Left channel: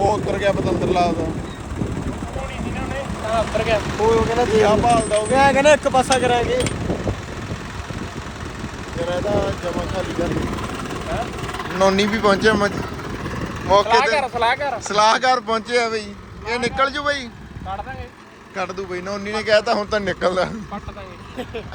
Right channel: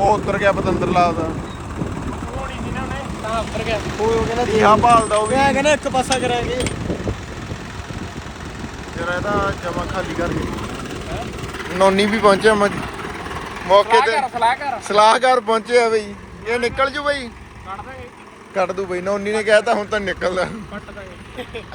ਉਹ ਉੱਤਰ ਗਿਆ ਪਤੰਦਰ ਲਾਦਾ ਹੋਣੀ ਨਹੀਂ ਨਾ ਉਹਨੇ ਤਾਂ ਉੱਤਰ ਗਿਆ। ਉਹ ਉਹ ਕਹਿੰਦਾ ਕੀ ਆ ਭਾਲਦਾ ਉਹ ਵੀ। ਮੈਂ ਕਹਿੰਦਾ ਇੱਕ ਪਾਸਾ ਕਰਾਂਗੇ ਤੇਰਾ ਇਹਦਾ ਜਮਾ ਖਾਲੀ ਕਰ ਨੋਨੀ ਵੀ ਪਹੁੰਚਿਆ ਮ- ਮੌਕੇ ਤੇ। ਸਲਾਹ ਕਰ ਸਲਾਹਕਾਰ ਪਹੁੰਚੇ ਆ ਬਈ। ਇਹ ਨਿਕਲ ਜੂ ਬਈ। ਕੱਢ ਦਾਂਗੇ। ਕੱਢ ਦੂ ਬਈ। ਨੋਨੀ ਨੇ ਕਹਿਤਾ ਹੁਣ ਤਾਂ ਨਿਕਲਦਾ। ਫੱਟ ਦਾਂਗੇ।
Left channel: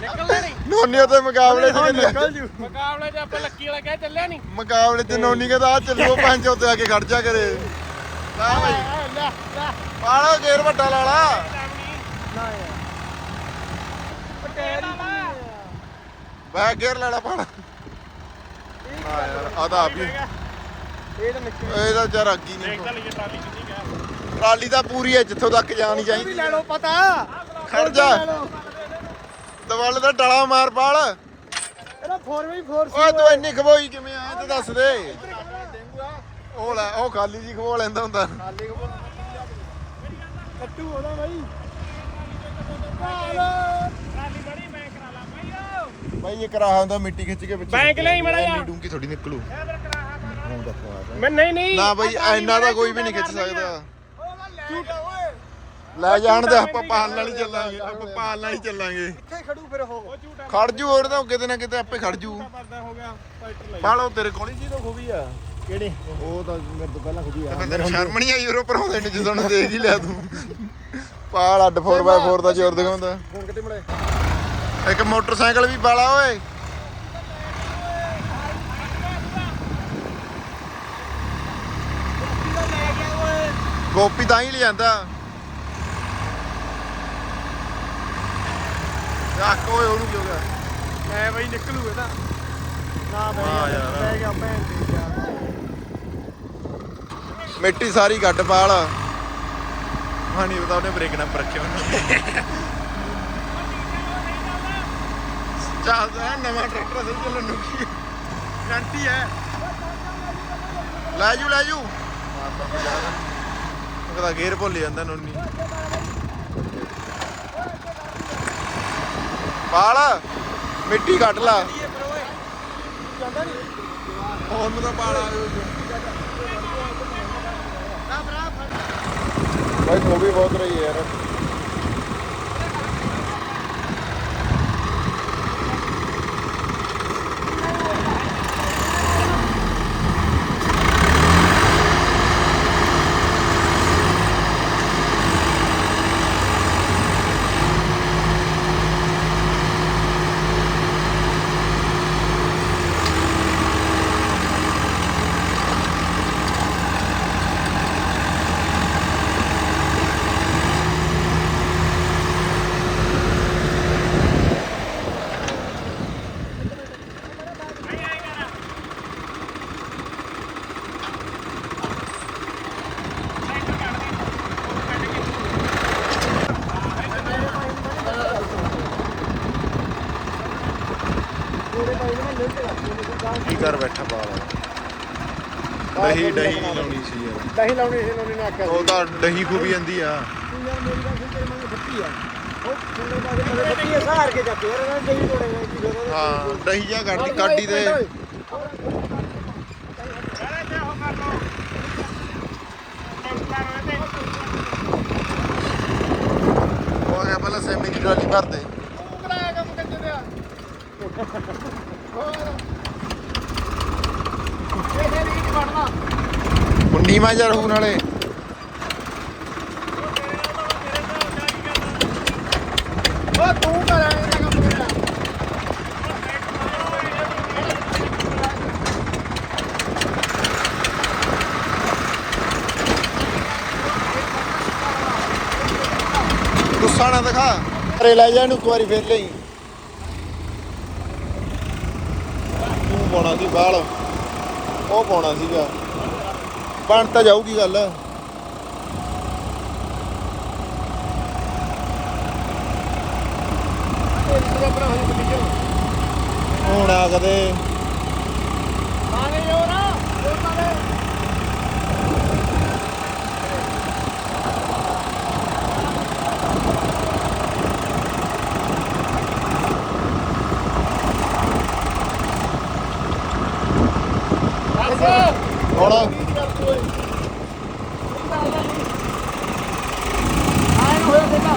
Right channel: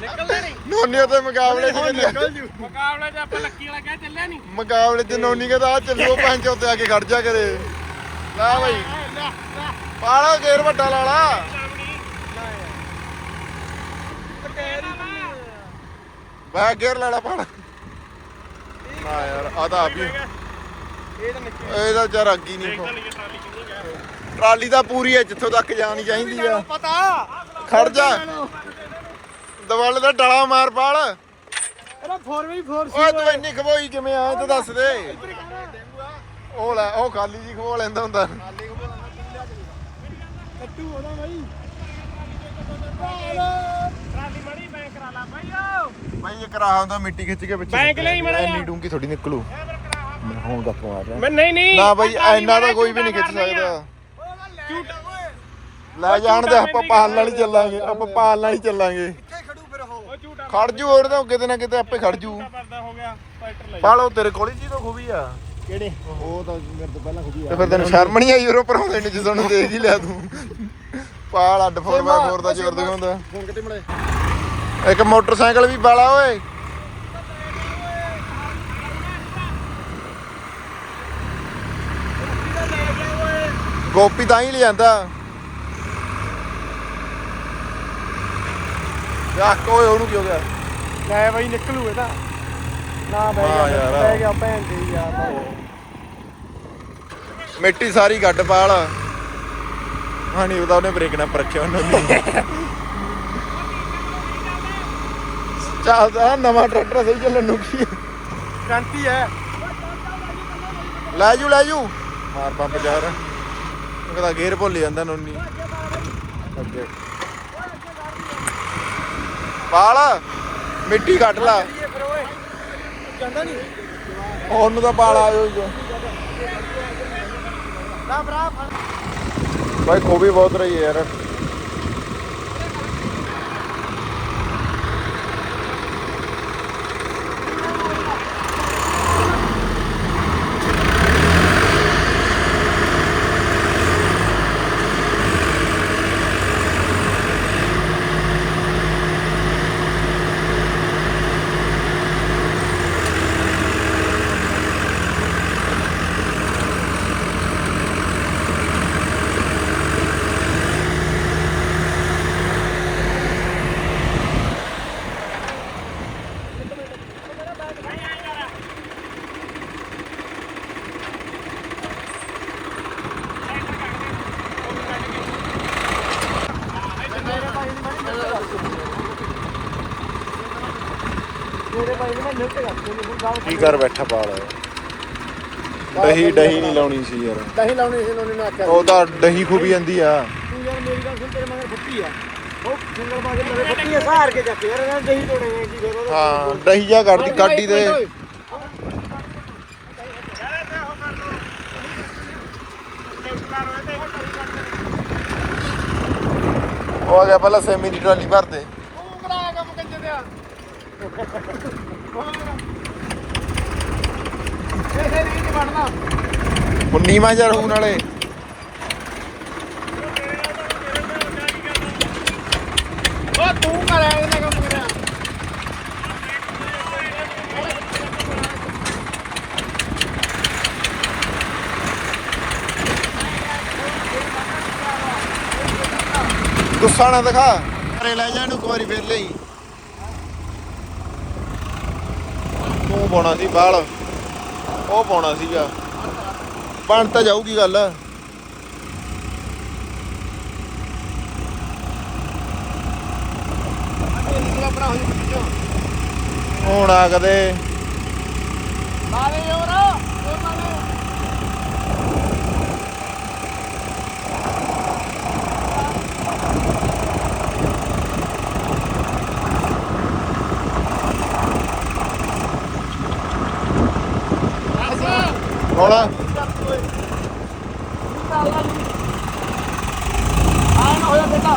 ਨਿਕਲਦਾ ਨਹੀਂ। ਨੋਨੀ ਉਹਦੇ ਮੁਕਾਬਲੇ 'ਚ ਕਹਿੰਦੀ ਮੁਕਾਬਲੇ 'ਚ ਆਪਾਂ ਲੱਕੀ ਵਾਲਾ ਕਹਿ ਚੱਲਿਆ ਨਹੀਂ ਮੁਕਾਬਲੇ 'ਚ ਨੋਨੀ ਕਹਿੰਦਾ ਆ ਚੱਲੋ ਪੰਜ ਉੱਤੇ ਆ ਕੇ ਖੜ ਜਾ ਕਰੇ। ਲੈ ਬਈ। ਪਾਲਾ ਗੇਰ ਵੱਡਾ ਲਾ ਲਾ ਬੈ ਗੇਰ ਲਾ ਲਾ ਪਾਲਾ। ਨਾ ਯਾਰ ਆ ਤਾਂ ਆਪ ਹੀ। ਇਹ ਤਾਂ ਨਿਕਲ ਇਹਦਾ ਜਰ ਅੱਗੀ ਨਹੀਂ ਟਰਾਲੀ ਤਾਂ ਪੂਰੀ ਹੈ ਜਿੱਥੋਂ ਤੱਕ ਜਾਣੀ ਚਾਹੀਦੀ ਆ। ਪਤਾ ਖੜ ਜਾ। ਦਵਾਲੇ ਦਾ ਡਲਾ ਮਾਰ ਪਾਲ। ਇਹਦਾ 4x4 ਓਏ ਤੂੰ ਇੰਨੀ ਖਬੋਈ ਕਿਵੇਂ ਆਇਆ ਤੇ ਦੱਸ ਦੇ। ਉਹ ਲੈ ਉਹ ਖਾਲੀ ਜੀ ਖਬੋ ਲੈਂਦਾ ਹੁੰਦਾ। ਕੱਟੂ ਉਹਦਾ ਬਾਈ। ਟਰਾਲੀ ਬੜੀ ਮੈਂ ਕਰਾ ਲਾ ਭਾਈਓ ਬਾਈ ਇਹ ਕਰਾ ਹੁੰਦਾ ਮਿੱਟੀ ਖਿੱਚ ਕੇ ਪਿੱਛੇ ਬੈਂਕ ਲਈ ਮਾੜਾ। ਇੰਨੀ ਡੂੰਗੀ ਥੋੜੀ ਨਿਕਲੂ। ਹੁਣ ਦਾ ਪਵਾ ਮੈਂ ਨਹੀਂ ਨਹੀਂ। ਨਾ ਬਾਈ ਇੰਨਾ ਤਾਂ ਕੋਈ ਵੀ ਨਹੀਂ ਖਿੱਚ ਸਕਦਾ। ਲੈ ਜਾਣ ਦੇ ਆਪਾਂ ਪਾਲ ਨਾਲ ਹੀ ਚੱਲਾਂਗੇ ਆਪਾਂ ਪਾਲ ਨਾਲ ਹੀ ਚੱਲਾਂਗੇ ਖੜੂ ਜੂ ਹੋਰ ਤਾਂ ਕਿਤੇ ਨਾ ਕਿਤੇ ਆਪੇ ਖੜ ਜੂ। ਪਰਦਾ ਹੋ ਗਿਆ ਟਰੈਕਟਰ ਲੈ ਪਾਲੋ ਤੇਰੇ ਕੋਲ ਹੀ ਜੀ ਤਾਂ ਖੂਬੀ ਆ। ਕਿਹੜੇ? ਉਹ ਤਾਂ ਮੇਰੇ ਤੋਂ ਪਹਿਲਾਂ ਖੁਦੀ ਤੇ ਫਿਰ ਤੈਨੂੰ ਸ਼ਰਮ ਨਹੀਂ ਆਈ ਯੂਰੋ ਪਰਾਉਂਦੇ ਨੇ ਜਦੋਂ ਨੂੰ ਦੇਖ ਹੀ ਲਿਆ ਤੂੰ? ਪਾਲ ਅੱਡ 4x4 ਦਾ ਜ਼ੋਰ ਦਿਖਾਉਂਦਾ। ਫੋਨ ਕਿਤੇ ਮਿਲੇ ਇੱਕ ਮੋਟਰਸਾਈਕਲ ਵੀ ਬਾਲਾ ਓਏ। ਗੋਪੀ ਤਾਂ ਹੀ ਲਿਆਂਦਾ ਰੱਖ ਓਏ ਉਹਨੂੰ ਕੀ ਹੋ ਗਿਆ? ਮੈਂ ਬਾਈ ਨਿਕਲੂ ਇਹਦਾ। ਨਾ ਹਾਂ ਯਾਰ। ਜਾ ਭੈਣ ਦੀ ਯਾਰ। ਮਿੱਟੀ ਸਾਰੀ ਗੱਡ ਪਾਲ। ਹਾਂ ਨਹੀਂ ਪਤਾ ਉਹਨੇ ਬ੍ਰੇਕ ਨਾ ਪਰਖਿਆ ਉਹਨੂੰ ਨਹੀਂ। ਚੱਲਦਾ ਨਵਾਂ ਟਰੈਕਟਰ ਸਹੀ ਚੱਲਣ ਨੂੰ ਕੀ। ਸ਼ਾਂਤੀ ਹੈ। ਲੈ ਜੂ ਲੈ ਜੂ। ਮਾਰ ਪੰਪ ਯਾਰ ਉਹ ਕਹਿੰਦਾ ਗੇਅਰ ਭੁੱਲ ਜਾਂਦਾ ਨੋਨੀ। ਪਾਲ ਮਿੱਟੀ ਕੱਢ ਲਾ। ਉਹਨੂੰ ਤਾਂ ਪਾਲ ਆ ਜੋ ਭਾਈ ਖੋਬੀ ਬਹੁਤ ਰਹੀ ਹੈ ਯਾਰ। ਕੀ ਕਰ ਬੈਠਾ ਪਾਲ ਦਹੀਂ ਦਹੀਂ ਨਹੀਂ ਲਾਉਣੀ ਸੀ ਯਾਰ। ਦਹੀਂ ਲਾਉਣੀ ਸੀ ਉਹਨੇ ਆਖਿਆ ਉਹ ਤਾਂ ਦਹੀਂ ਖੂਬੀ ਜਾਂਦੀ ਆ। ਤੂੰ ਯਾਰ ਮੇਰੀ ਗੱਲ ਸੁਣ ਤੇਰੇ ਮਗਰ ਫੁੱਟੀ ਆ। ਉਹ ਸਿੰਗਲ ਪਾ ਕੇ ਮੇਰੇ ਫੁੱਟੀ ਆ ਸਹਾਰ ਕੇ ਚੱਕ। ਯਾਰ ਇਹਨਾਂ ਦਹੀਂ ਤੋੜੇਗਾ ਕੀ ਫਾਇਦਾ ਹਾਂ ਦਹੀਂ ਜਾ ਕੱਢਦੀ ਕਾਢੀ ਦੇ ਉਹ ਆ ਗਿਆ ਪਹਿਲਾਂ ਸੈਮੀ ਦੀ ਟਰਾਲੀ ਭਰ ਦੇ। ਤੂੰ ਕਰਾਇਆ ਕੰਮ ਕੰਜਰ ਦਿਆ ਇਹ ਹੈ ਨਹੀਂ ਵੜਨਾ ਮੁੰਨੀ ਮਾ ਜਾ ਰਹੂ ਨਾਲੇ ਉਹ ਤੂੰ ਕਰਿਆ ਇਹਨੇ ਕੰਮ ਮੇਰਾ। ਗੁੱਸਾ ਨਾ ਦਿਖਾ। ਅਰੇ ਲੈ ਜਾ ਇਹਨੂੰ ਇੱਕ ਵਾਰੀ ਫੇਰ ਲਈ ਤੂੰ ਪਾਉਣਾ ਸੀ ਬਾਲ ਉਹ ਪਾਉਣਾ ਸੀਗਾ। ਬਣ ਤਾਂ ਜਾਊਗੀ ਗੱਲ। ਹੁਣ ਆ ਕਦੇ। ਆਵੇ ਹੋਰ। ਪਾਉਣਾ ਦਿੱਤਾ ਅੱਲਾ ਨੂੰ ਆਇਆ ਹੋਇਆ ਤੇਰਾ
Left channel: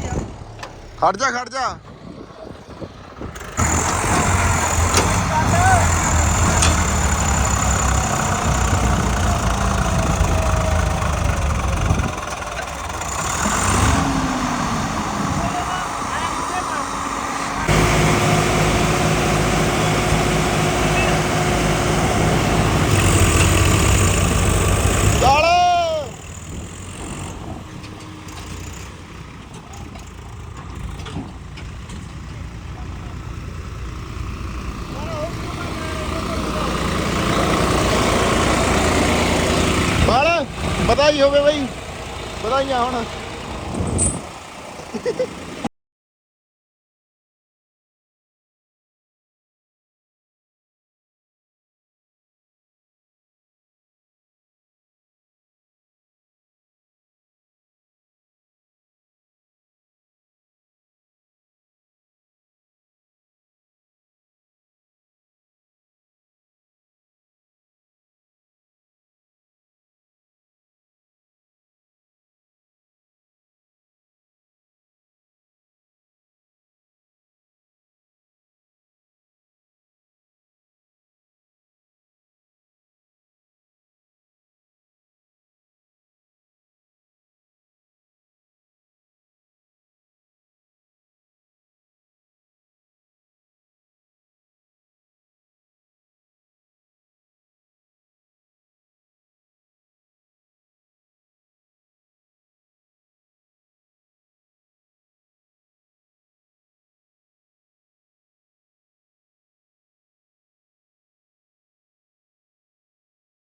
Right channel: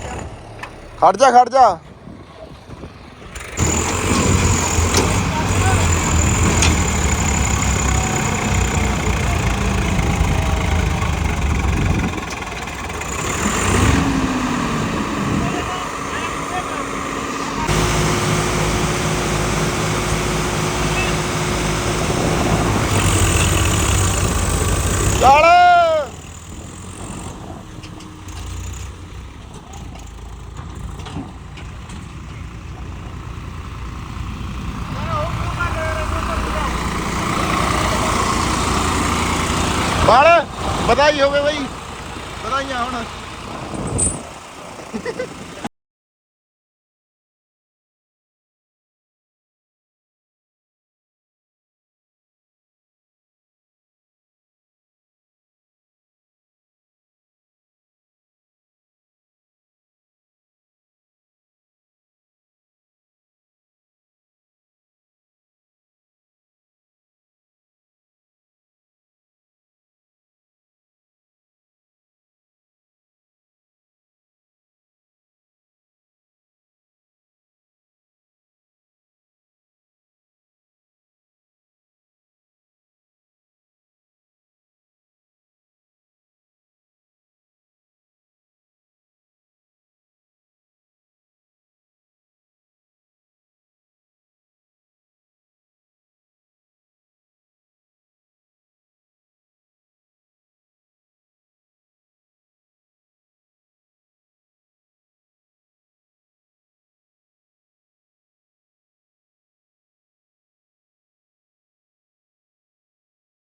ਖੜ ਜਾ ਖੜ ਜਾ। ਬਾਲ ਵਧਾਈ ਹੋਵੇ ਬਈ। ਵਧਾਈਆਂ ਹੁਣ।